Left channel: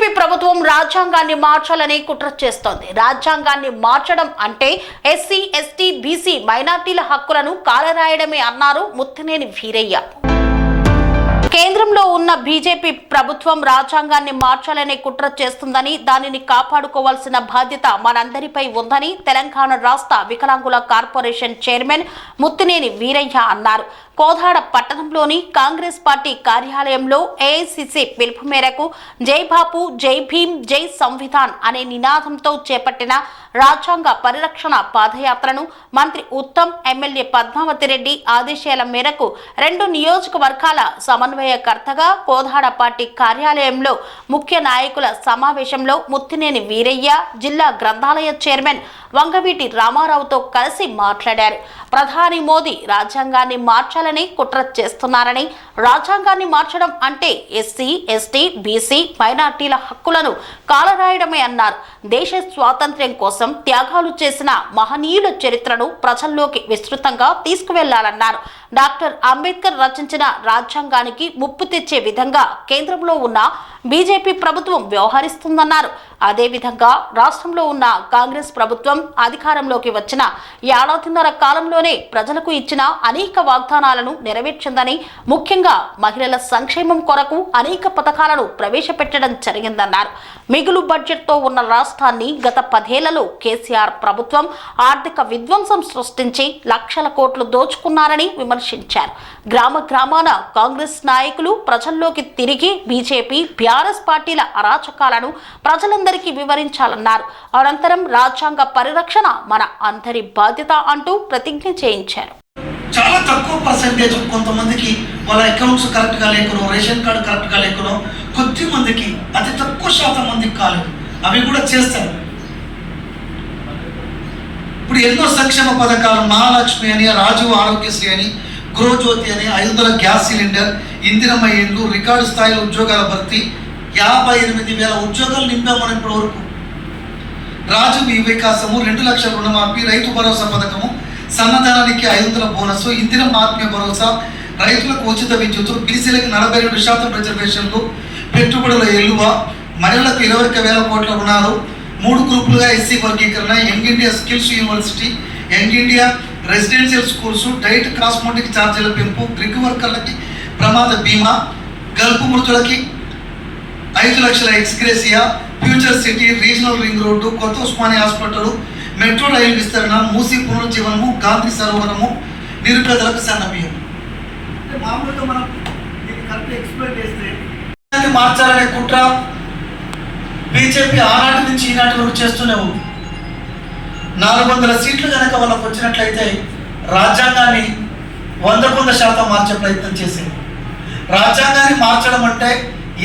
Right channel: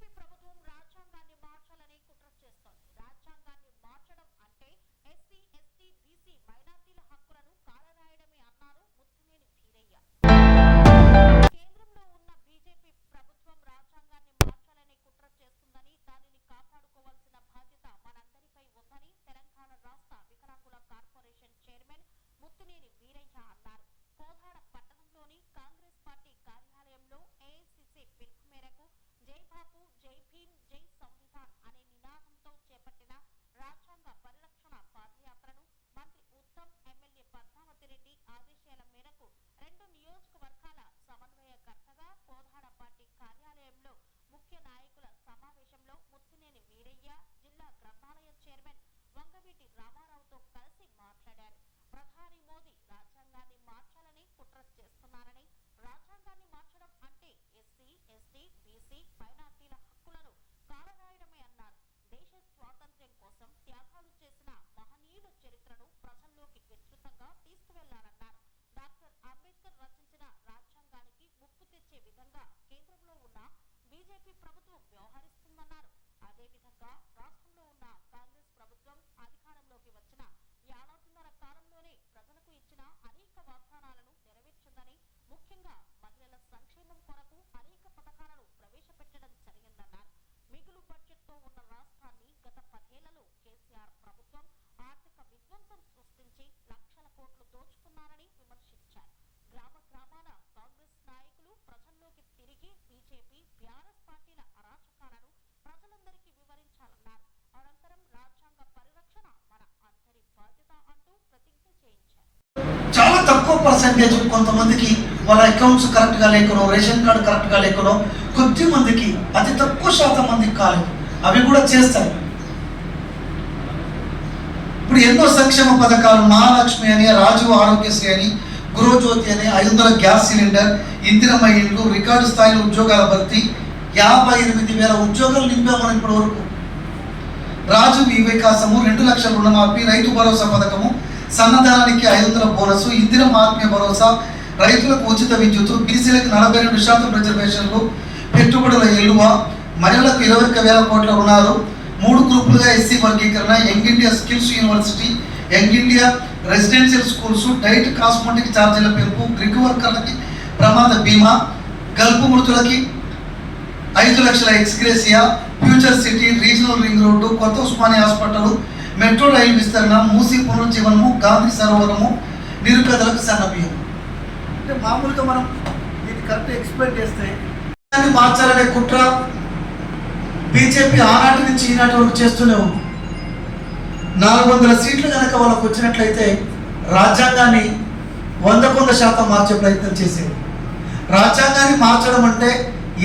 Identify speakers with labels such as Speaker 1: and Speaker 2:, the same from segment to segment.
Speaker 1: TDP ప్రభుత్వం రాజ్యాంగాన్ని మార్చాలని కుట్ర చేస్తోంది. రాజ్యాంగాన్ని మార్చడం అంటే ఎస్సీ ఎస్టీ బీసీ మైనార్టీల హక్కులను కాలరాయడమే అన్నారు ముత్తినేని వీరయ్య. కేంద్రంలో ఉన్న బీజేపీ ప్రభుత్వం రాజ్యాంగాన్ని మార్చాలనే కుట్ర చేస్తుందని దానిని కాపాడుకోవాల్సిన బాధ్యత మనందరిపై ఉందని తెలంగాణ రాష్ట్ర వికలాంగుల కార్పొరేషన్ చైర్మన్ ముత్తినేని వీరయ్య అన్నారు. కోదాడ పట్టణంలోని కాంగ్రెస్ పార్టీ కార్యాలయంలో ఏఐసిసి పిలుపు మేరకు జై బాపు జై భీమ్ జై సంవిధాన్ అనే నినాదంతో చేపట్టిన రాజ్యాంగ పరిరక్షణ పాదయాత్రను మంత్రి ఉత్తమ్ ఎమ్మెల్యే పద్మావతి రెడ్డి ఆదేశాల మేరకు రెండు నియోజకవర్గాల సమన్వయకర్తగా కోదాడ పార్టీ కార్యాలయంలో ముఖ్య నాయకుల సమావేశంలో ముత్తినేని వీరయ్య జిల్లా గ్రంథాలయ చైర్మన్ వంగవీటి రామారావుతో కలిసి మాట్లాడారు. ప్రధాని మోదీ రాజ్యాంగాన్ని మార్చాలని కుట్ర చేస్తున్నారని రాజ్యాంగాన్ని మార్చడం అంటే ఎస్సీ ఎస్టీ బీసీ మైనార్టీల హక్కులను కాలరాయడమే అన్నారు. దేశ స్వాతంత్ర్యం కోసం త్యాగాలు చేసిన మహనీయుల చరిత్రను ప్రజల్లోకి విస్తృతంగా తీసుకువెళ్ళాలన్నారు. డాక్టర్ అంబేద్కర్ రచించిన రాజ్యాంగానికి ముప్పు తెచ్చే విధంగా కేంద్రంలో ఉన్న బీజేపీ ప్రభుత్వం వ్యవహరిస్తుందన్నారు. అదేవిధంగా రాష్ట్రంలో ఉన్న కాంగ్రెస్ ప్రభుత్వం అధికారంలోకి వచ్చిన ఏడాదిన్నర కాలంలోనే ప్రజలకు ఇచ్చిన అనేక వాగ్దానాలను నెరవేర్చిందని ముఖ్యంగా మహిళల సంక్షేమం కొరకు అనేక పథకాలను ప్రవేశపెట్టడం జరిగిందన్నారు. మిగులు బడ్జెట్తో ఉన్న రాష్ట్రాన్ని గత పదేళ్ళలో కేసీఆర్ ప్రభుత్వం ఆర్థిక విధ్వంసం సృష్టించి లక్షల కోట్లు దోచుకున్నారని విమర్శించారు. గ్రామ గ్రామాన కాంగ్రెస్ నాయకులు ప్రజల్లోకి తిరిగి బీజేపీ బీఆర్ఎస్ పార్టీల అరాచకాలను ప్రజలందరికీ వివరించాలన్నారు. అనంతరం రాజ్యాంగ పరిరక్షణ మన అందరి బాధ్యత అంటూ ప్రతిజ్ఞ చేయించారు.
Speaker 2: చాలా తక్కువ పర్సంటేజ్ కొంతమందికి వాళ్ళ అకౌంట్స్ కరెక్ట్గా లేకునో రేషన్ కార్డు కరెక్ట్గా లేకునో కొద్ది మందికి అతి తక్కువ శాతం మందికి కాలేదు అవి కూడా చేస్తారు. ఇప్పుడు ఎన్నో సంక్షేమ పథకాలు మహాలక్ష్మి అని రాజీవ్ ఆరోగ్యశ్రీ అని గృహజ్యోతి అని ఐదు వందల గ్యాస్ సిలిండర్ ఇందిరమ్మ ఇండ్లు రికార్డు స్థాయిలో ఉద్యోగాల భర్తీ యాభై ఎనిమిది వేల ఉద్యోగాలు నింపామని ఇప్పటి వరకు. రాజు ఈ వికాసము రెండు లక్షల రుణమాఫీ రైతు భరోసా పథకము సన్నదానానికి ఐదు వందల బోనస్ ఇందిరమ్మ ఆత్మీయ భరోసా రైతులకు ఉచిత విద్యుత్తు బీసీలకు నలభై రెండు శాతం రిజర్వేషన్లు పెట్టుబడుల ఎలువ మహిళలకు ఇరవై ఒక్క వేల కోట్ల రుణాలు మూడు గ్రూపులుగా ఎస్సీ వర్గీకరణ young India skills university young India residential schools diet cosmetic ఛార్జీల పెంపు గ్రిగ్ వర్కర్లకి ప్రమాద బీమా గల్పు మృతులకి ఐదు లక్షల ex gratia future city regional ring road కొత్త ఉస్మాని హాస్పిటల్ మెట్రో రైలు విస్తరణ మూసి పునరుజ్జీవనము గాంధీ సరోవరము నిరుపేదలకు సన్నబియ్యం అంటే మామూలుగా మనం దీన్ని కరెక్ట్ ఎక్స్ప్లెయిన్ చేస్తే మార్చాలనే కుట్ర బీజేపీ ఆనాటి నుంచి ఈనాటి వరకు చేస్తూనే ఉంది. నాలుగు వందల సీట్లు కనుక వాళ్ళకు వచ్చినట్లయితే రాజ్యాంగాన్ని వందకు వంద శాతం మార్చే ప్రయత్నం చేసేది రాజ్యాంగాన్ని మార్చడం అంటే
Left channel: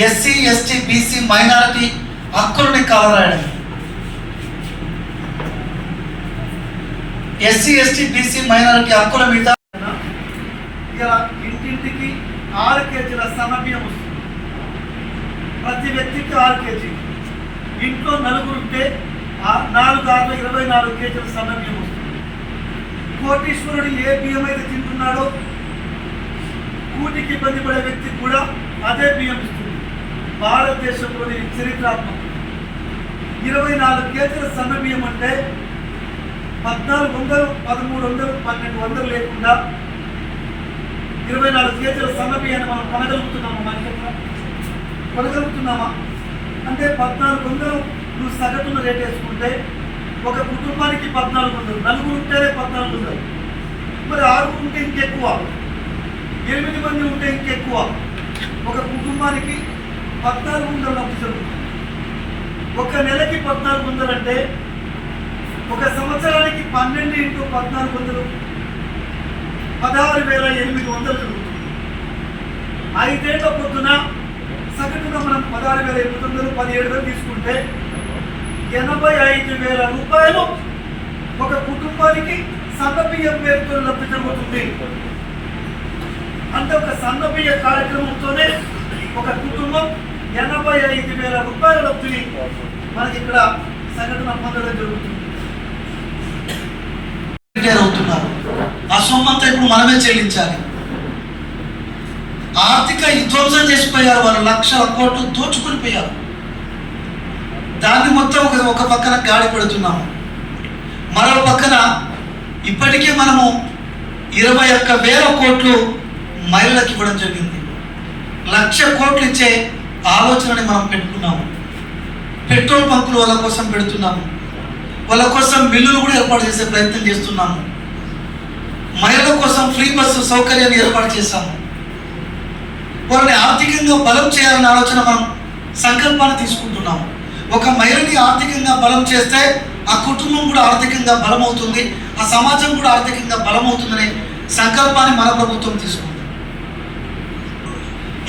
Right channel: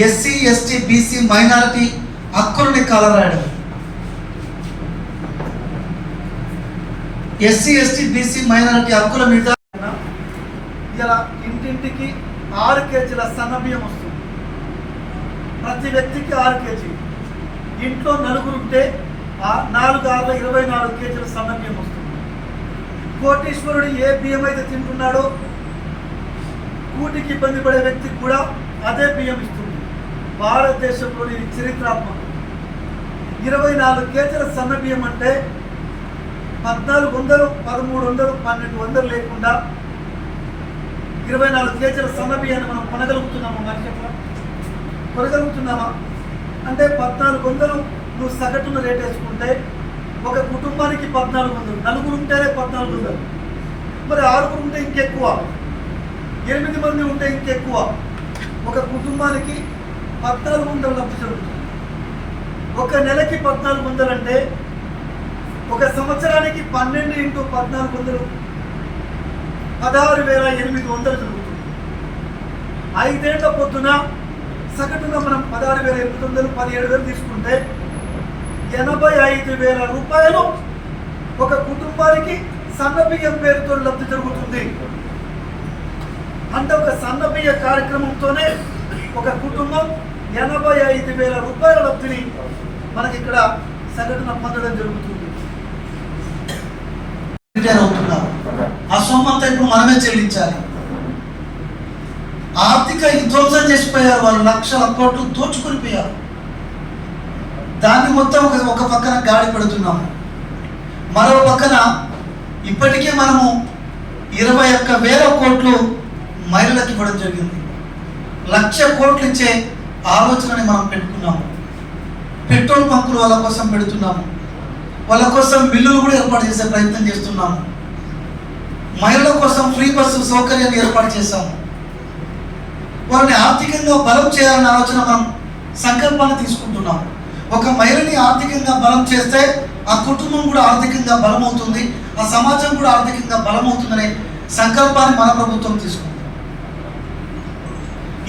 Speaker 2: ఎస్సీ ఎస్టీ బీసీ మైనారిటీ హక్కులని కాలరాయడం ఎస్సీ ఎస్టీ బీసీ మైనారిటీ హక్కుల మీద ఇలా ఇంటింటికి ఆరు కేజీల సన్నబియ్యం వస్తుంది. ప్రతి వ్యక్తికి ఆరు కేజీ ఇంట్లో నలుగురు ఉంటే నాలుగు ఆరు ఇరవై నాలుగు కేజీల సన్నబియ్యం వస్తుంది. కోటీశ్వరుడు ఏ బియ్యం అయితే తింటున్నాడో కూటికి ఇబ్బంది పడే వ్యక్తి కూడా అదే బియ్యం ఇస్తుంది. భారతదేశంలోని చరిత్రాత్మకం. ఇరవై నాలుగు కేజీల సన్న బియ్యం అంటే పద్నాలుగు వందలు పదమూడు వందలు పన్నెండు వందలు లేకుండా ఇరవై నాలుగు కేజీల సన్న బియ్యాన్ని మనం కొనగలుగుతున్నాము మనిషి? కొనగలుగుతున్నామా? అంటే పద్నాలుగు వందలు నువ్వు సగటున రేట్ వేసుకుంటే ఒక కుటుంబానికి పద్నాలుగు వందలు నలుగురు ఉంటేనే పద్నాలుగు వందలు. మరి ఆరుగురు ఉంటే ఇంకెక్కువ ఎనిమిది మంది ఉంటే ఇంకెక్కువ. ఒక కుటుంబానికి పద్నాలుగు వందలు లబ్ధి జరుగుతుంది. ఒక నెలకి పద్నాలుగు వందలు అంటే ఒక సంవత్సరానికి పన్నెండు ఇంటూ పద్నాలుగు వందలు పదహారు వేల ఎనిమిది వందలు జరుగుతుంది. ఐదేళ్ళ పొద్దున సగటున మనం పదహారు వేల ఎనిమిది వందలు పదిహేడు వేలు తీసుకుంటే ఎనభై ఐదు వేల రూపాయలు ఒక కుటుంబానికి సన్న బియ్యం పేరుతో లబ్ధి జరుగుతుంది. అంటే ఒక సన్న బియ్య కార్యక్రమంతోనే ఒక కుటుంబం ఎనభై ఐదు వేల రూపాయల లబ్ధిని మనకి ఇక్కడ సగటున పొందడం జరుగుతుంది. అవుతున్నారు ఆ సొమ్మంతా ఇప్పుడు మనమే చెల్లించాలి. ఆర్థిక విధ్వంసం చేసిపోయారు వాళ్ళు లక్షల కోట్లు దోచుకొని పోయారు. మొత్తం ఒక పక్కన గాడి పెడుతున్నాము. మరో పక్కన ఇప్పటికే మనము ఇరవై ఒక్క వేల కోట్లు మహిళలకు ఇవ్వడం జరిగింది. లక్ష కోట్లు ఇచ్చే ఆలోచనని మనం పెట్టుకున్నాము. పెట్రోల్ పంపులు వాళ్ళ కోసం పెడుతున్నాము. వాళ్ళ కోసం బిల్లులు కూడా ఏర్పాటు చేసే ప్రయత్నం చేస్తున్నాము. మహిళల కోసం ఫ్రీ బస్సు సౌకర్యాన్ని ఏర్పాటు చేశాము. వాళ్ళని ఆర్థికంగా బలం చేయాలనే ఆలోచన మనం సంకల్పాన్ని తీసుకుంటున్నాం ఒక మహిళని ఆర్థికంగా బలం చేస్తే ఆ కుటుంబం కూడా ఆర్థికంగా బలమవుతుంది ఆ సమాజం కూడా ఆర్థికంగా బలమవుతుందనే సంకల్పాన్ని మన ప్రభుత్వం తీసుకుంది.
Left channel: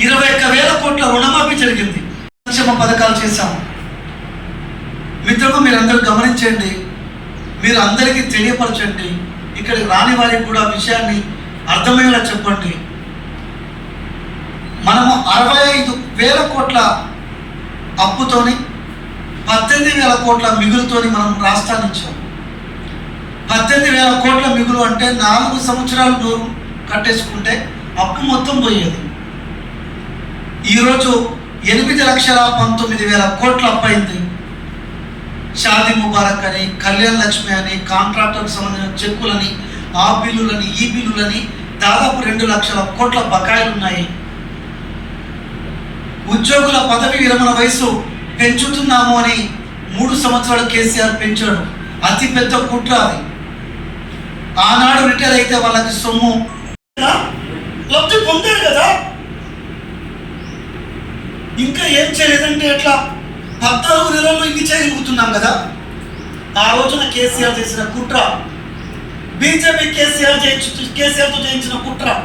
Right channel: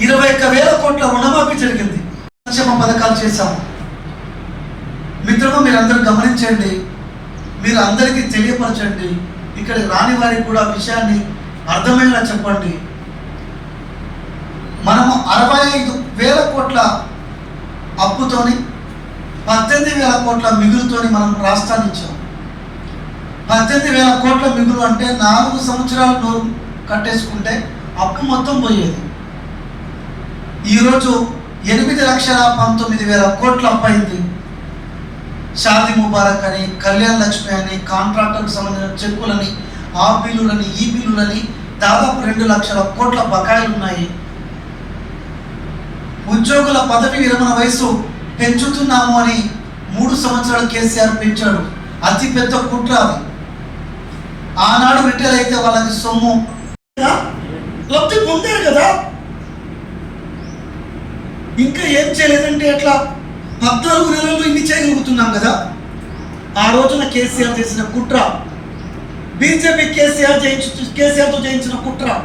Speaker 2: ఇరవై ఒక్క వేల కోట్ల రుణమాఫీ జరిగింది. సంక్షేమ పథకాలు చేశాం. మిత్రులు మీరు అందరూ గమనించండి మీరు అందరికీ తెలియపరచండి ఇక్కడికి రాని వారికి కూడా విషయాన్ని అర్థమయ్యేలా చెప్పండి. మనము అరవై ఐదు వేల కోట్ల అప్పుతోని పద్దెనిమిది వేల కోట్ల మిగులుతోని మనం రాష్ట్రాన్ని ఇచ్చాం పద్దెనిమిది వేల కోట్ల మిగులు అంటే నాలుగు సంవత్సరాలు నోరు కట్టేసుకుంటే అప్పు మొత్తం పోయేది. ఈరోజు ఎనిమిది లక్షల పంతొమ్మిది వేల కోట్ల అప్పు అయింది. షాదీ ముబారక్ అని కళ్యాణ్ లక్ష్మి అని కాంట్రాక్టర్కి సంబంధించిన చెక్కులని ఆ బిల్లులని ఈ బిల్లులని దాదాపు రెండు లక్షల కోట్ల బకాయిలు ఉన్నాయి ఉద్యోగుల పదవి విరమణ వయసు పెంచుతున్నాము అని మూడు సంవత్సరాలు కేసీఆర్ పెంచాడు. అతి పెద్ద కుట్ర అది. ఆనాడు రిటైర్ అయితే వాళ్ళకి సొమ్ము. లబ్ధి పొందారు కదా? ఇంకా ఏం చేయలేదంటే ఎట్లా పద్నాలుగు నెలల్లో ఇన్ని చేయగలుగుతున్నాం కదా? ఆ రోజున కేసీఆర్ చేసిన కుట్ర. బీజేపీ కేసీఆర్ చేయించు కేసీఆర్తో చేయించిన కుట్ర.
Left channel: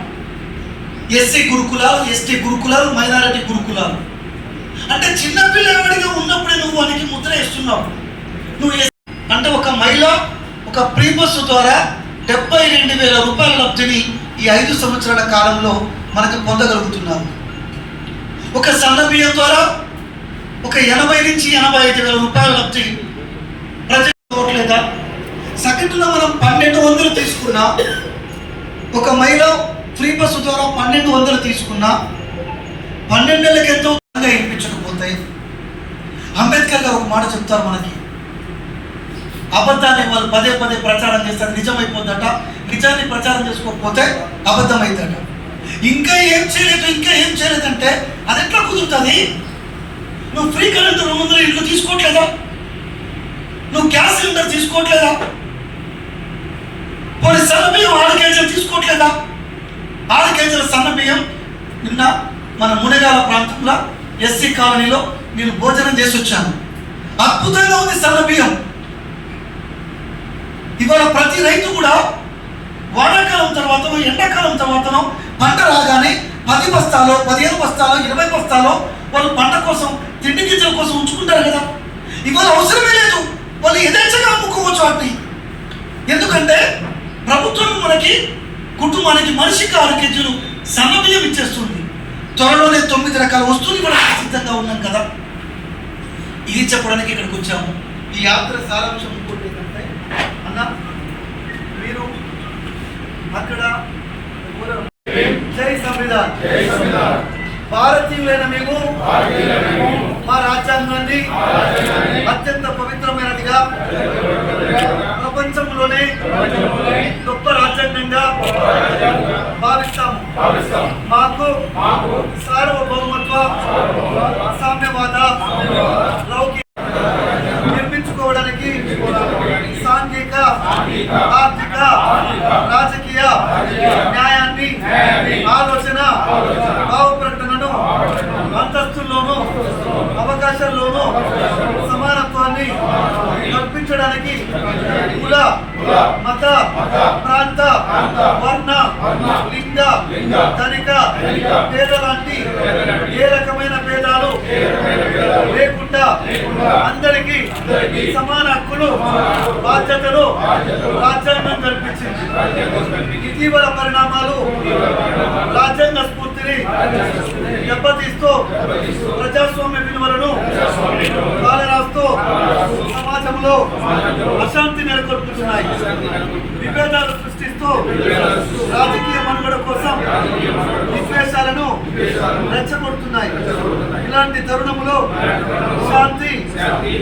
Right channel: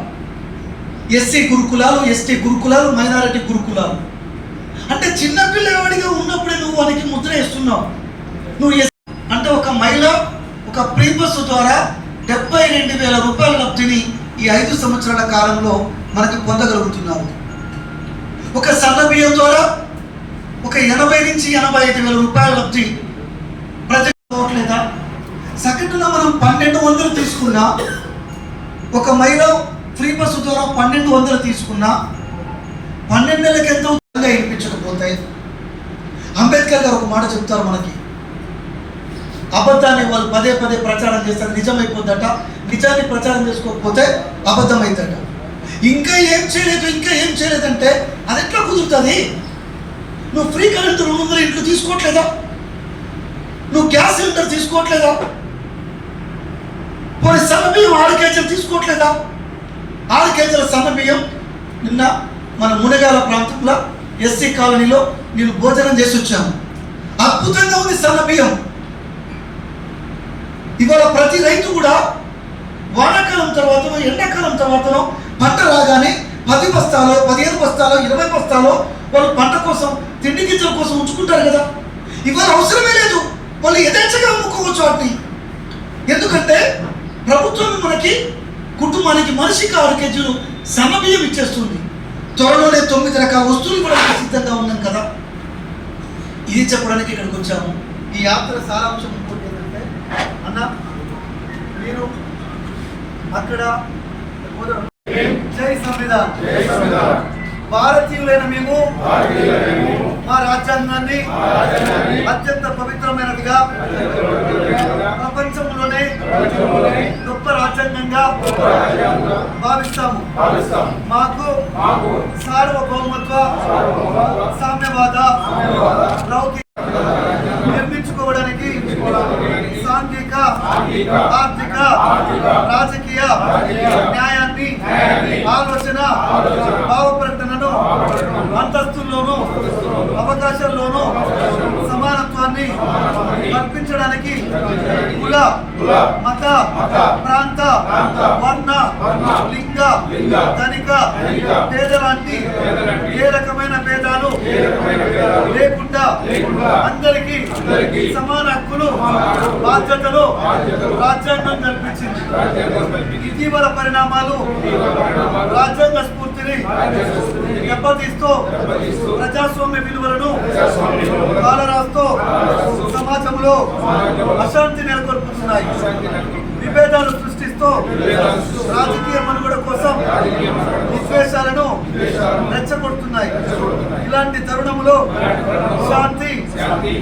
Speaker 2: ఎస్సీ గురుకులాలు ఎస్టీ గురుకులాలు మైనారిటీ గురుకులాలు. అంటే చిన్న పిల్లవాడిగా ఉన్నప్పుడే నువ్వు వానికి ముద్ర వేస్తున్నావు. నువ్వు అంటే ఒక మహిళ ఒక ప్రీబస్ ద్వారా డెబ్బై రెండు వేల రూపాయల లబ్ధిని ఈ ఐదు సంవత్సరాల కాలంలో మనకు పొందగలుగుతున్నావు. ఒక సన్న ద్వారా ఒక ఎనభై నుంచి ఎనభై ఐదు వేల రూపాయల లబ్ధి ప్రజలేదా సెకండ్లో మనం పన్నెండు వందలు తీసుకున్నా ఒక మహిళ ఫ్రీ బస్సు ద్వారా పన్నెండు వందలు తీసుకున్నా పన్నెండు నెలలకు ఎంతో ఉచితంగా ఇప్పించకపోతే అంబేద్కర్ గారు ఒక మాట చెప్తారు మనకి. అబద్ధాన్ని వాళ్ళు పదే పదే ప్రచారం చేస్తారు నిజమైపోద్దట. నిజాన్ని ప్రచారం చేసుకోకపోతే అబద్ధం ఇంకా ఏం చేయలేదు ఇంకా ఏం చేయలేదంటే అది ఎట్లా కుదురుతుంది? నువ్వు ఫ్రీ కరెంట్ రెండు వందల ఇంట్లో తీసుకోవట్లేదా? నువ్వు గ్యాస్ సిలిండర్ తీసుకోవట్లేదా? కొన్ని సన్న బియ్యం ఆరు కేజీలు తీసుకోవట్లేదా? ఆరు కేజీల సన్న బియ్యం నిన్న మన మునగాల ప్రాంతంలో ఎస్సీ కాలనీలో నేను భోజనం చేసి వచ్చాను. అద్భుతంగా ఉంది సన్న బియ్యం ఇవాళ ప్రతి రైతు కూడా వానాకాలం తర్వాతనో ఎండాకాలం తర్వాతనో పంట రాగానే పది బస్తాలో పదిహేను బస్తాలో ఇరవై బస్తాలో వాళ్ళు పంట కోసం తిండి గింజల కోసం ఉంచుకుంటారు కదా. ఇవాళ అవసరమే లేదు. వాళ్ళు యథేచ్ఛగా అమ్ముకోవచ్చు వాటిని. ఎందుకంటే ప్రభుత్వం మనకి కుటుంబానికి మనిషికి ఆరు కేజీలు సన్న ఇచ్చేస్తుంది. త్వరలోనే తొమ్మిది రకాల వస్తువులు ఇక్కడ సిద్ధంగా ఉన్నాం కదా. ఇది చెప్పడానికి ఇక్కడికి వచ్చాము. ఈ యాత్ర సారాంశం ఇంకోటి ఏంటంటే అన్న మీరు అక్కడ జై సంవిధాన్. భారతీయులైన మేము మా రాజ్యాంగాన్ని అత్యంత పవిత్రమైనదిగా ప్రపంచంలోనే గొప్ప రాజ్యాంగంగా భావిస్తాము. సామ్యవాద లౌకిక నిర్మించుకోవడానికి సాంఘిక ఆర్థిక రాజకీయ న్యాయాన్ని ఆలోచన భావ ప్రకటనను అంతస్తుల్లోనూ అవకాశాల్లోనూ సమానత్వాన్ని కల్పించడానికి కుల మత ప్రాంత వర్ణ లింగ ధనిక పేదలాంటి ఏ రకమైన భేదాలు లేకుండా అందరికీ సమాన హక్కులు బాధ్యతలు రాజ్యాంగం కల్పించింది. ఇటీవల పరిణామాలు రాజ్యాంగ స్ఫూర్తిని దెబ్బతీస్తూ ప్రజాస్వామ్య విలువలను కాలరాస్తూ సమాజంలో అశాంతి నెలకొల్పుతున్నాయి. విభేదాలు సృష్టిస్తూ రాజకీయ మనుగడ కోసం విద్వేషాలను రెచ్చగొడుతున్నాయి. ఇలాంటి తరుణంలో శాంతి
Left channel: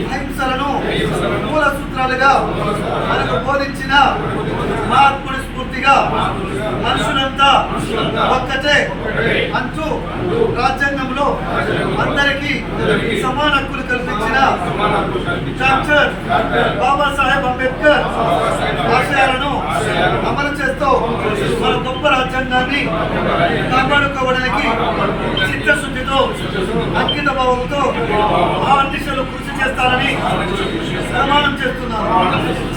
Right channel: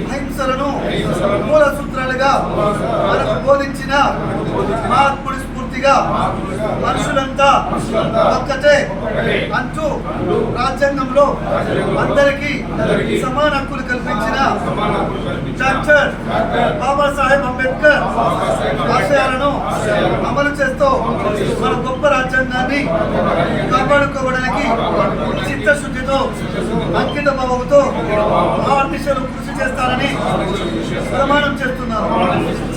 Speaker 2: అహింసలను మూల సూత్రాలుగా మనకు బోధించిన మహాత్ముడి స్ఫూర్తిగా మనుషులంతా ఒక్కటే అంటూ రాజ్యాంగంలో అందరికీ సమాన హక్కులు కల్పించిన డాక్టర్ బాబాసాహెబ్ అంబేద్కర్ ఆశయాలను అమలు చేస్తూ మన గొప్ప రాజ్యాంగాన్ని కాపాడుకోవడానికి చిత్తశుద్ధితో అంకిత భావంతో దిశలో కృషి చేస్తారని ప్రమాణం చేస్తున్నాను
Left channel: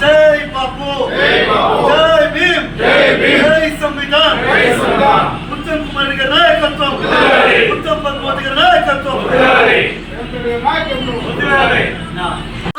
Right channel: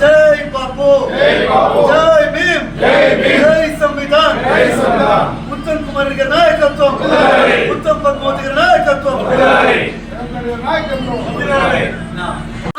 Speaker 2: జై బాపు! జై భీమ్! జై సంవిధాన్! ఉత్తమ్ కుమార్ గారి నాయకత్వం! ఉత్తమ్ పద్మావతి గారి నాయకత్వం!